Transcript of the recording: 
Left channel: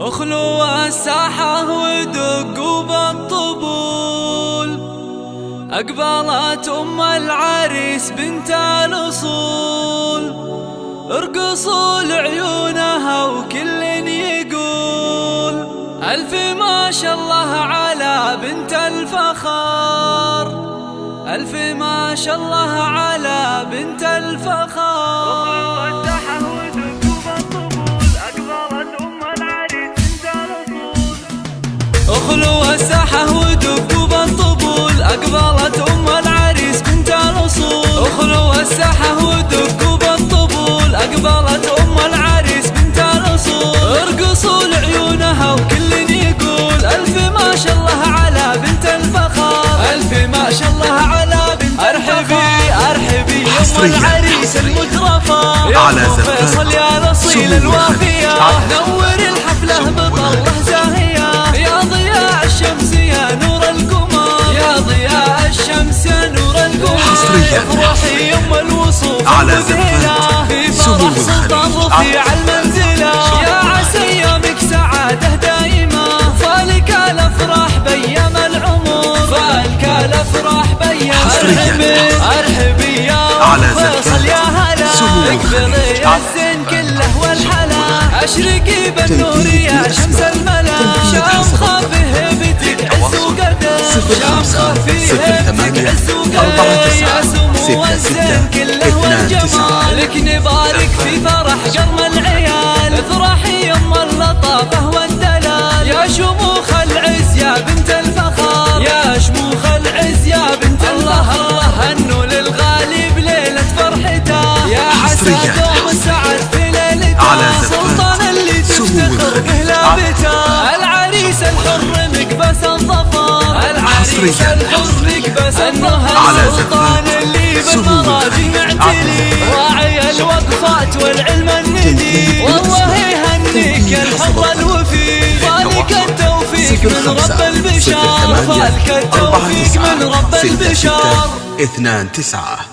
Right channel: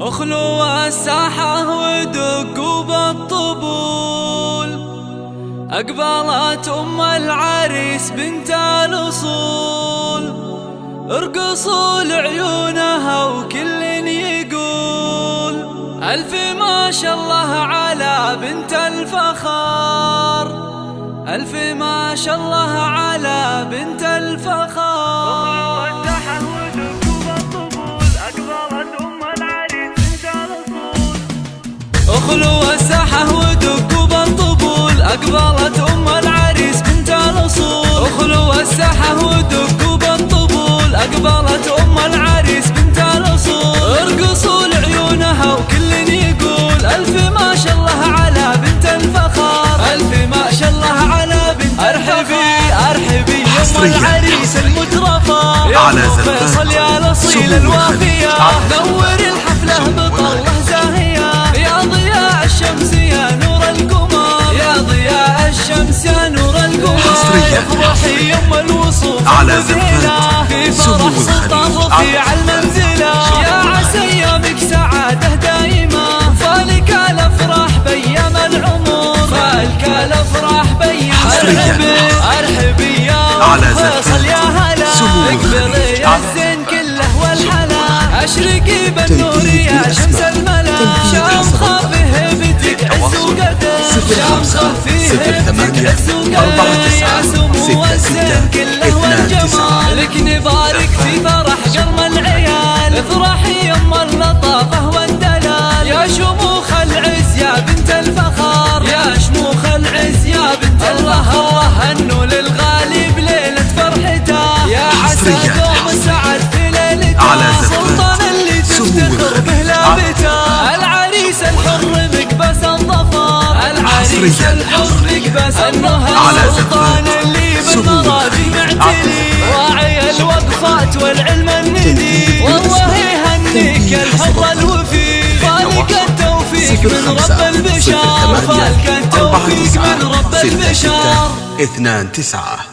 اخلوا الساحة ودقوا بالطبول، أقبلت أم العريس بنت الأصول، ارقصوا لعيونها وكل يقول ألف ما شاء الله على بنت الفخار، ألف ما شاء الله على بنت الفخار. اخلوا الساحة ودقوا بالطبول، أقبلت أم العريس بنت الأصول، اخلوا الساحة ودقوا بالطبول، أقبلت أم العريس بنت الأصول، ارقصوا لعيونها وكل يقول ألف ما شاء الله على بنت الفخار، ألف ما شاء الله على بنت الفخار. أرحبي أم العريس المترفة يا أم فيصل يا الأصيل الوافية، نور الحفلة بطلة زاهية يا ضياء الشمس يا نور القمر، يا ضياء الشمس يا نور القمر. افرحي يم الوصوف المذهلة في فرح سلطان رفيع المنزلة، يا عسى ايامك سعادة دائمة، فالك الافراح بيام العمر، فالك الافراح بيام. ارحبي يا ام فيصل يا هلا، اقبلي الزين كله والحلا، اشرقي بالنور يا شمس الملا، شام خافيه بتك عز وقدر، 05 08 49 لك نبارك في فرح قرم العيال، افرحي يم اللطافة والدلال، يا شموخ العز يا بنت الفخار، يا شموخ العز يا بنت الله الله انه للغالي بليلة فرحته، يا عسى دوم السعد في ليلته، سلطان اللي تفتخر به لابته، العريس الحر مقبس الظفر، العريس الحر مقبس النهر، السلطان اللي بالمراجي معتلي، واعي الوقفات والعلم الندي، والله يهنيك الحر الوفي، فالك التوفيق من رب البشر، فالك التوفيق من رب البشر. 09 29